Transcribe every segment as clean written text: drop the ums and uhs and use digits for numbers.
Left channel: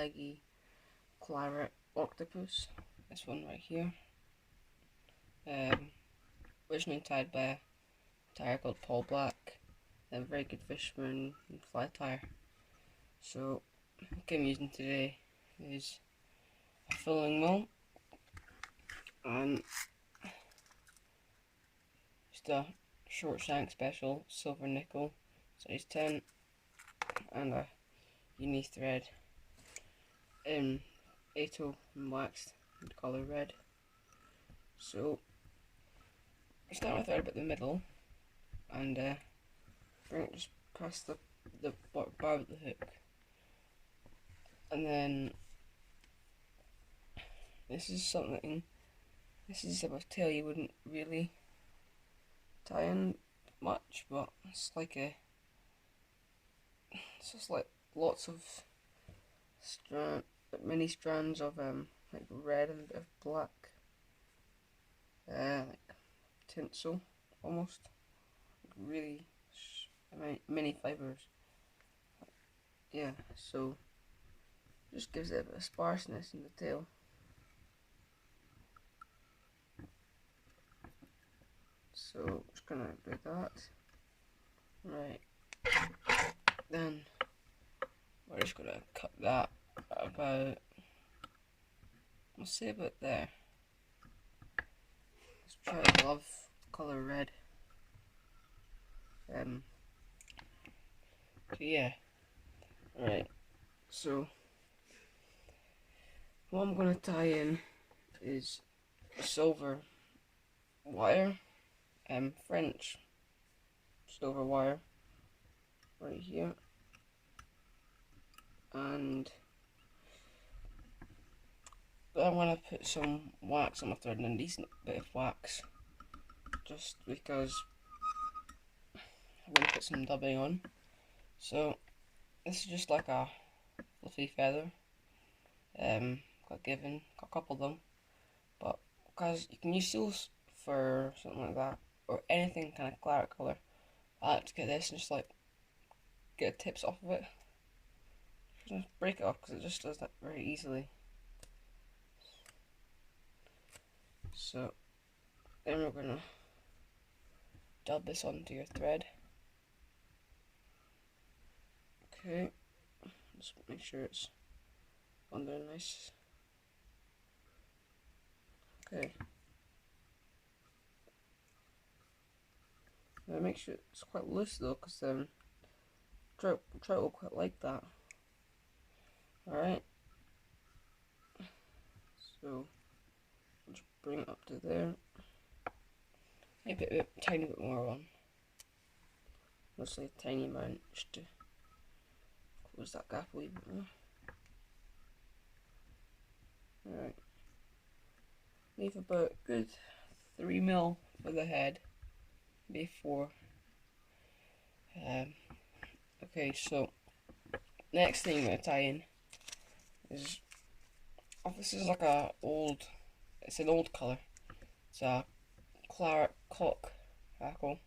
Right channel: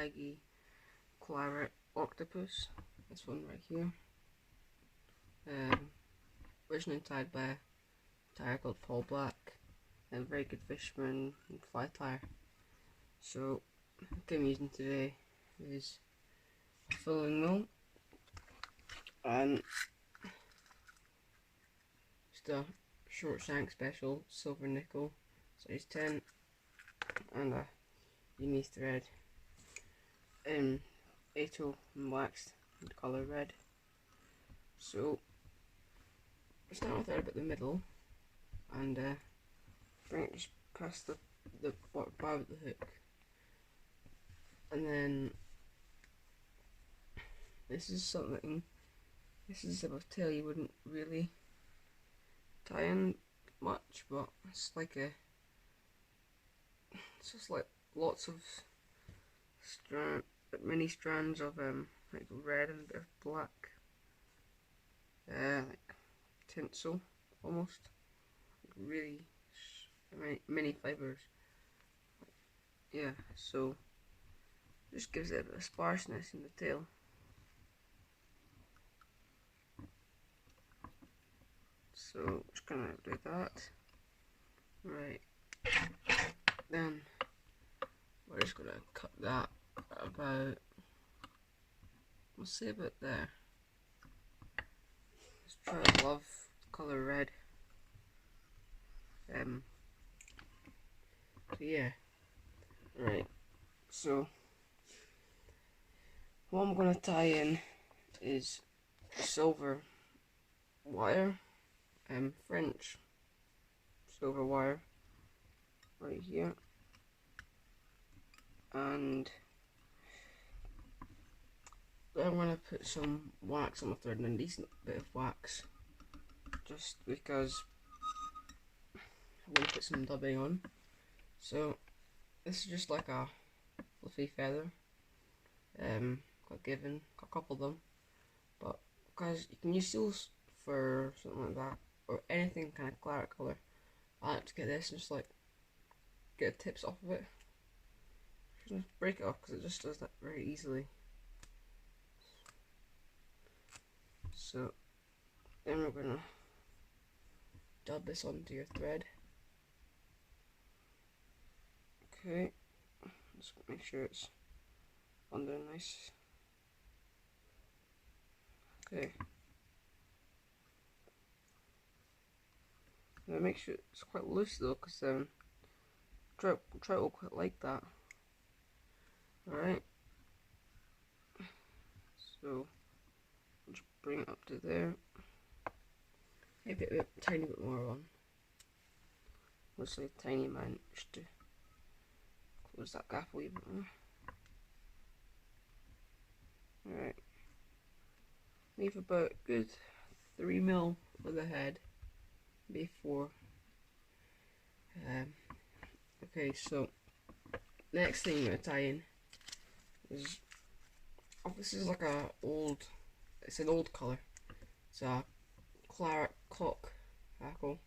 leggy, clarit, octopus. This one right here. Originally tied by a tire called Paul Black, a very good fisherman and fly tire. So what I'm using today is a filling mill and just a short shank special silver nickel size 10 and a uni thread in 8/0 and waxed in colour red. So start my thread about the middle and bring it just past the bar of the hook, and then this is a tail you wouldn't really tie in much, but it's just like lots of many strands of like red and a bit of black, like tinsel almost, like really many fibers. Yeah, so just gives it a bit of sparseness in the tail. So just gonna do that. Right, then we're just gonna cut that about, we'll say about there. Let's try to love the colour red. So yeah, right. So what I'm gonna tie in is a silver wire, French silver wire right here, and then I'm gonna put some wax on my thread, and a decent bit of wax, just because I'm gonna put some dubbing on. So this is just like a fluffy feather. Got a couple of them, but because you can use seals for something like that, or anything kind of claret colour, I like to get this and just like get the tips off of it. Just break it off because it just does that very easily. So then we're gonna dub this onto your thread. Okay, just make sure it's on there nice. Okay. Now make sure it's quite loose though, because trout will quite like that. Alright. So I'll just bring it up to there. Maybe a tiny bit more on. Let's say a tiny amount just to close that gap a wee bit more. Alright. Leave about a good 3 mil for the head. Maybe 4. Okay, so next thing I'm going to tie in is, this is like it's an old colour. It's a claret cock hackle,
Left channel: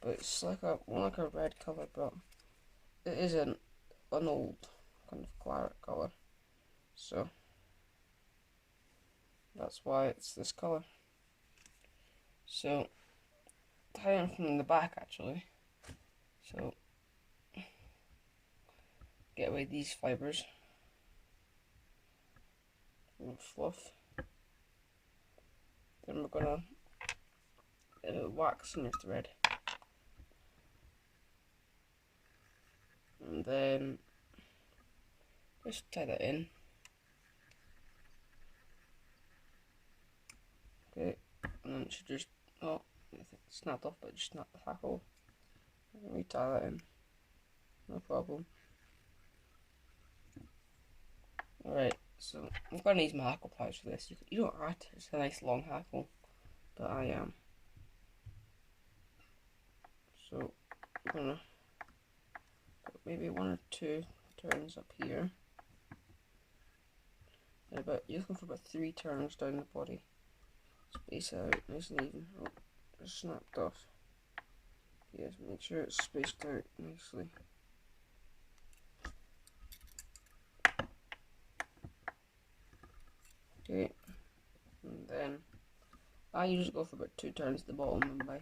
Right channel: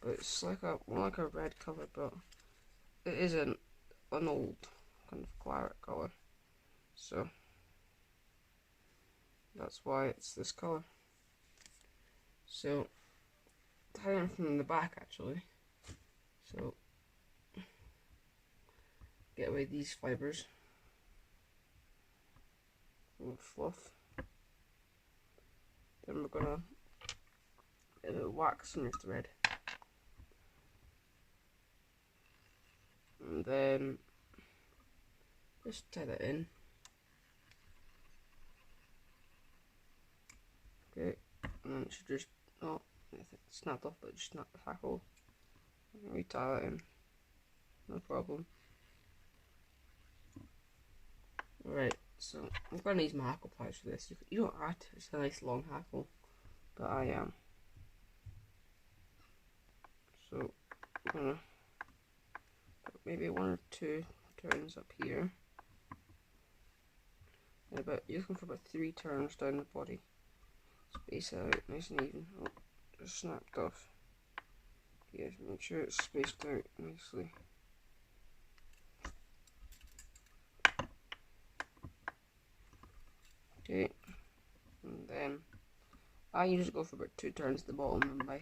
but it's like more like a red colour, but it is an old kind of claret colour, so that's why it's this colour. So tie in from the back actually. So get away these fibers, a little fluff. Then we're gonna wax in your thread, and then just tie that in. Okay, and then it should just, oh, I think it's snapped off, but just snap the hackle. We tie that in, no problem. Alright, so I'm gonna use my hackle pliers for this. You don't have to, it's a nice long hackle, but I am. So I'm gonna put maybe 1 or 2 turns up here, and you're looking for about 3 turns down the body. Space it out nice and even. Oh, just snapped off. Okay, make sure it's spaced out nicely. Okay, and then I usually go for about 2 turns at the bottom and my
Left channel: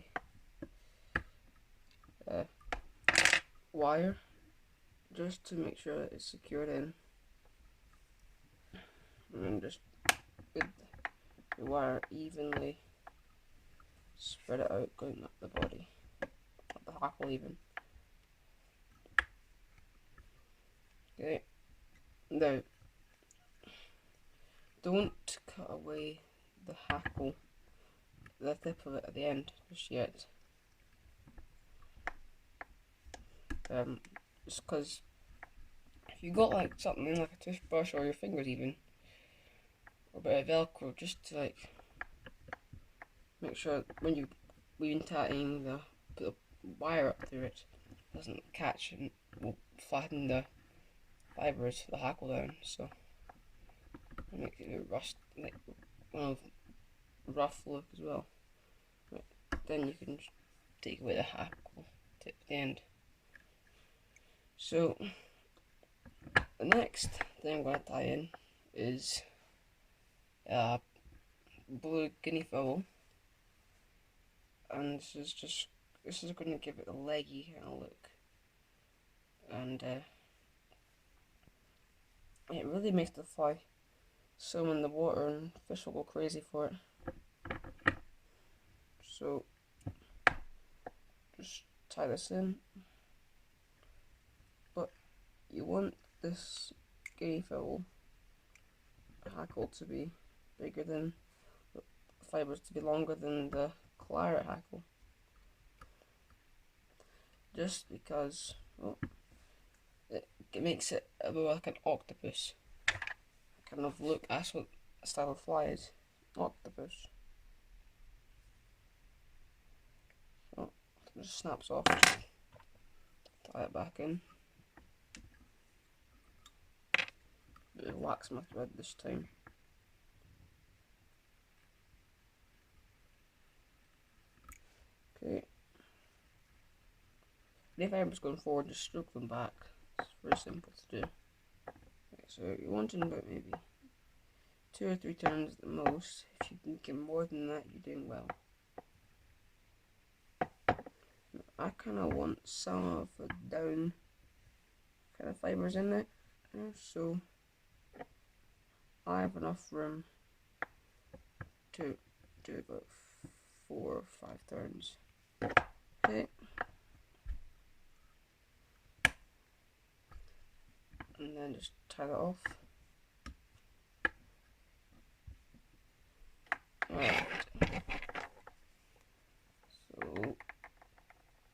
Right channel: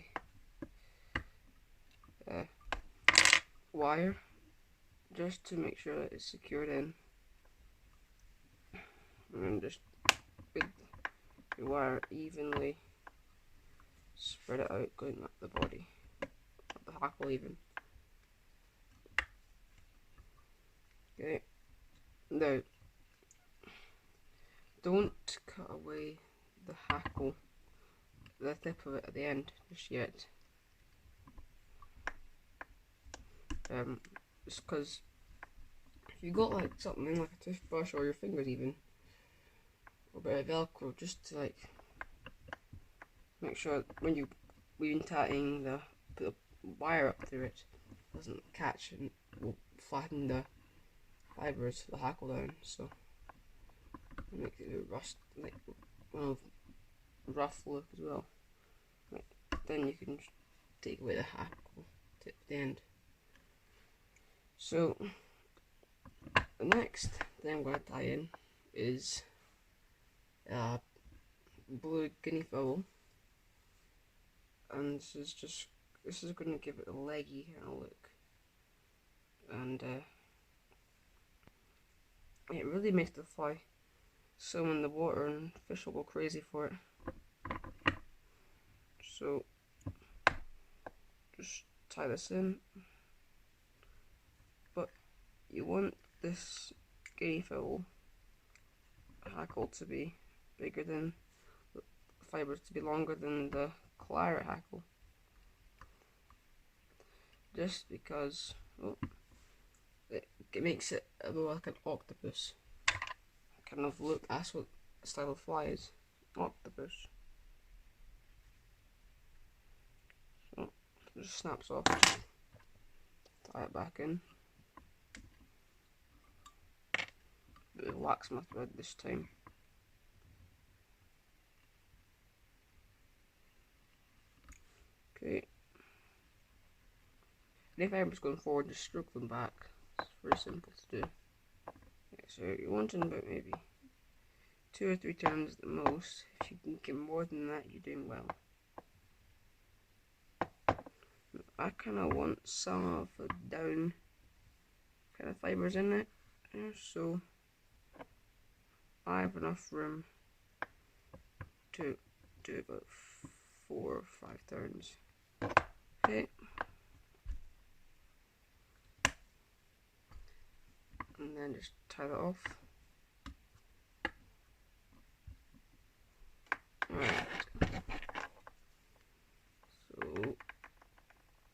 wire, just to make sure that it's secured in, and then just with your wire evenly spread it out going up the body, up the hackle even. Okay, now don't cut away the hackle, the tip of it at the end just yet, just because if you got like something like a toothbrush or your fingers even, or a bit of Velcro, just to like make sure when you weaving tatting put the wire up through it doesn't catch and will flatten the fibres, the hackle down, so it makes it a bit rust, like rough look as well. Right, then you can just take away the hackle tip at the end. So the next thing I'm going to tie in is blue guinea fowl, and this is going to give it a leggy kind of look, and it really makes the fly swim in the water and fish will go crazy for it. So just tie this in, but you want this guinea fowl hackle to be bigger than the fibres, to be longer than the claret hackle, just because it makes it a bit like an octopus kind of look. That's what style of fly is, octopus. So it just snaps off, just tie it back in. Bit of wax my thread this time. Okay. And if fibres going forward, just stroke them back. It's very simple to do. Okay, so you're wanting about maybe 2 or 3 turns at the most. If you can get more than that, you're doing well. I kind of want some of the down kind of fibres in it, so I have enough room to do about 4 or 5 turns. Okay. And then just tie that off. Right. So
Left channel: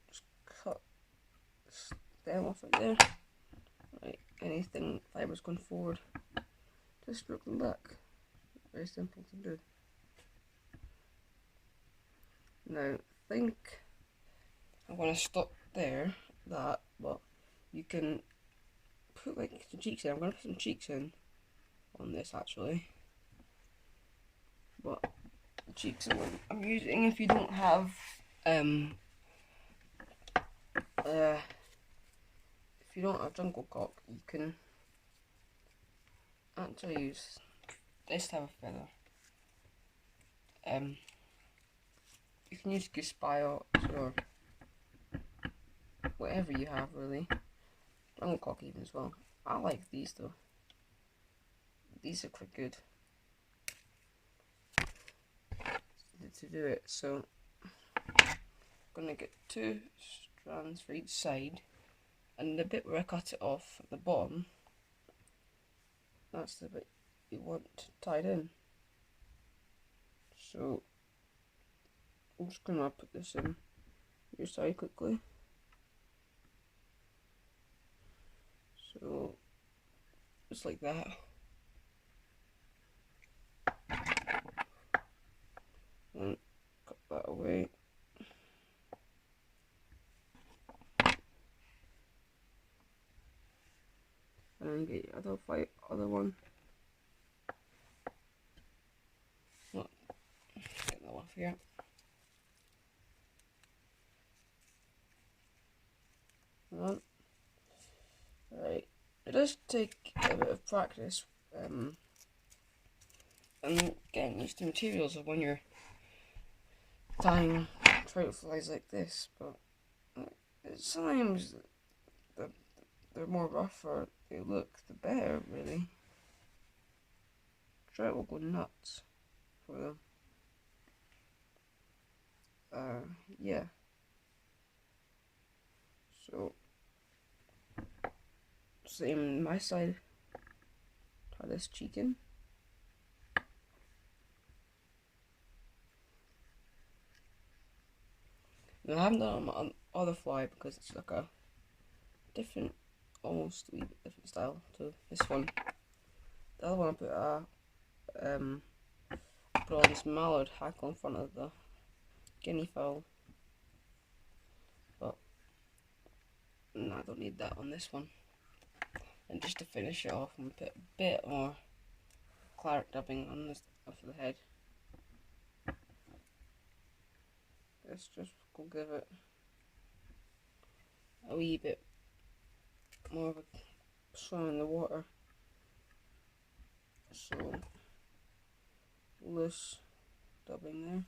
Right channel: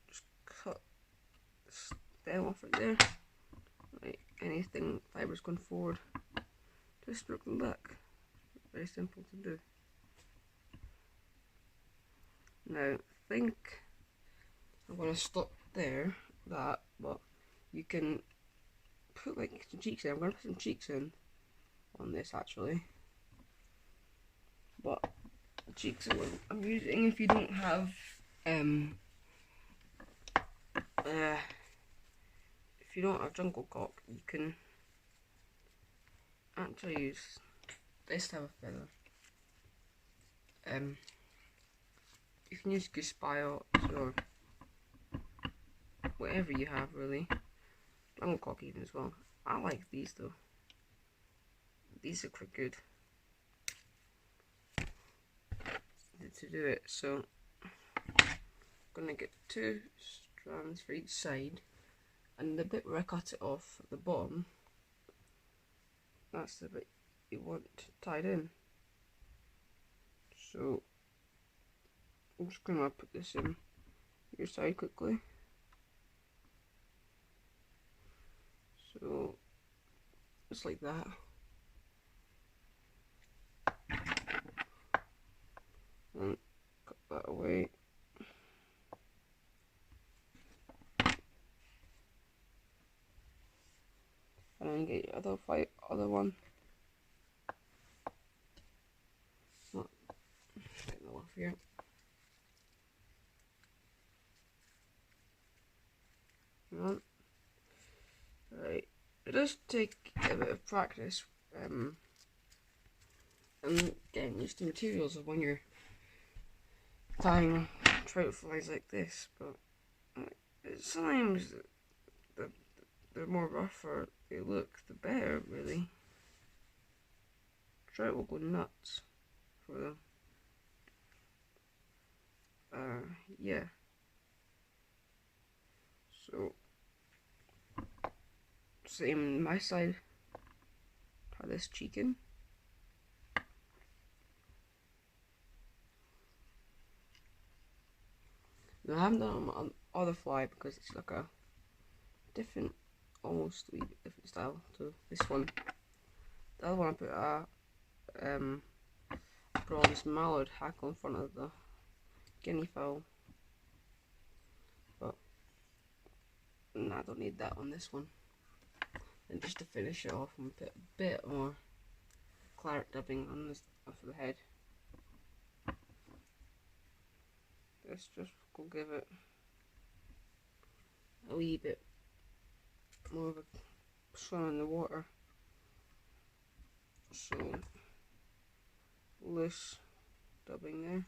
just cut the stem off right there. Right. Anything fibres going forward, just stroke them back. Very simple to do. Now I think I'm gonna stop there. But you can put like some cheeks in. I'm gonna put some cheeks in on this actually, but the cheeks are what I'm using. If you don't have if you don't have jungle cock, you can actually use this type of feather. You can use goose spiots or whatever you have really. Jungle cock even as well. I like these though. These are quite good to do it. So I'm gonna get 2 strands for each side, and the bit where I cut it off at the bottom, that's the bit you want tied in. So I'm just gonna put this in your side quickly. So just like that. And cut that away. And then get your other one. Look, get that off here. Right, it does take a bit of practice and getting used to materials of when you're tying trout flies like this, but sometimes the more rougher they look, the better, really. Trout will go nuts for them. Yeah. So, same my side. Tie this cheek in. Now, I haven't done it on other fly because it's like a different, almost a wee bit different style to this one. The other one I put a bronze mallard hackle in front of the guinea fowl, but no, I don't need that on this one. And just to finish it off, I'm gonna put a bit more claret dubbing on this after the head. Let's just go give it a wee bit more of a swim in the water. So loose dubbing there.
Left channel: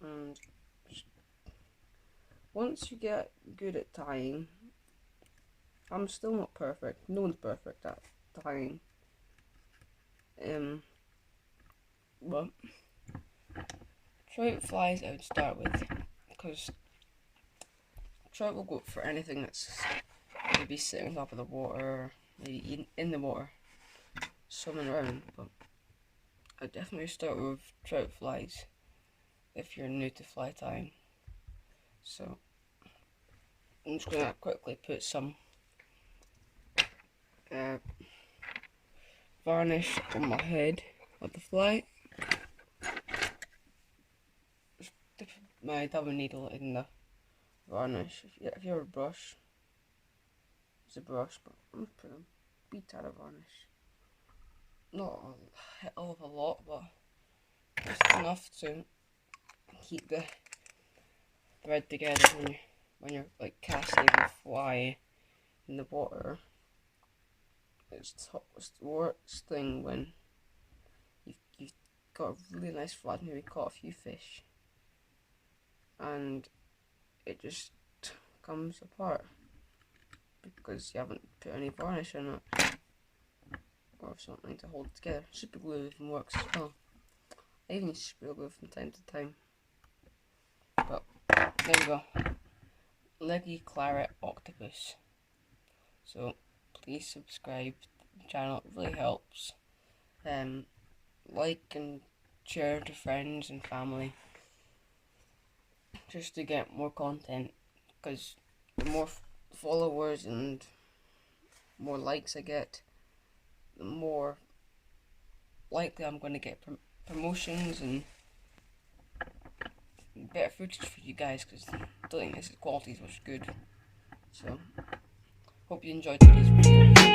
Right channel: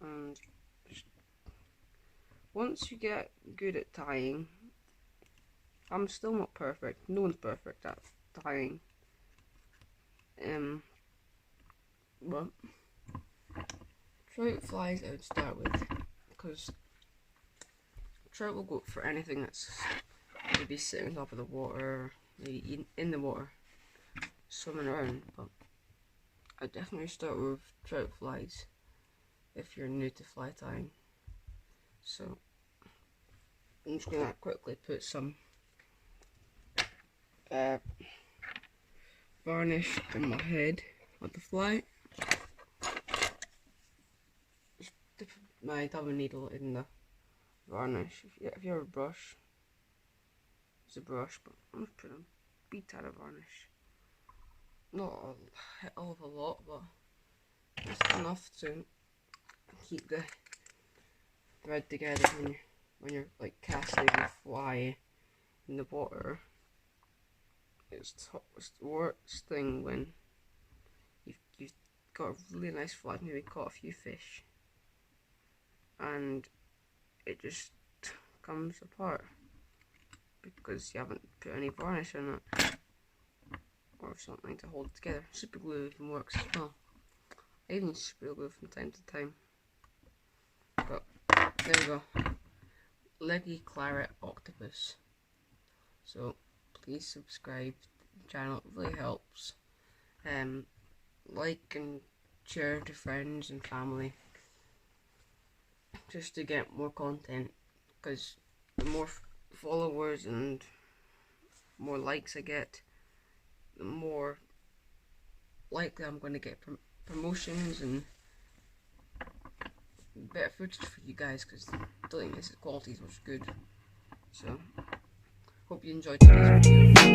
And once you get good at tying, I'm still not perfect. No one's perfect at tying. But trout flies I would start with, because trout will go for anything that's maybe sitting on top of the water, maybe in the water, swimming around. But I definitely start with trout flies if you're new to fly tying. So I'm just gonna quickly put some varnish on my head of the fly. Just dip my dubbing needle in the varnish. If you have a brush, it's a brush, but I'm just putting a wee tad of varnish. Not a hell of a lot, but just enough to keep the thread together when you're like casting a fly in the water. It's the worst thing when you've got a really nice fly, maybe caught a few fish, and it just comes apart because you haven't put any varnish on it or something to hold it together. Super glue even works as well. I even use super glue from time to time. But there we go. Leggy claret octopus. So please subscribe to the channel, it really helps. Like and share to friends and family just to get more content, because the more followers and more likes I get, the more likely I'm going to get promotions and better footage for you guys, because I don't think this quality is much good. So hope you enjoyed today's video.